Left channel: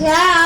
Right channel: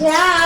Yeah.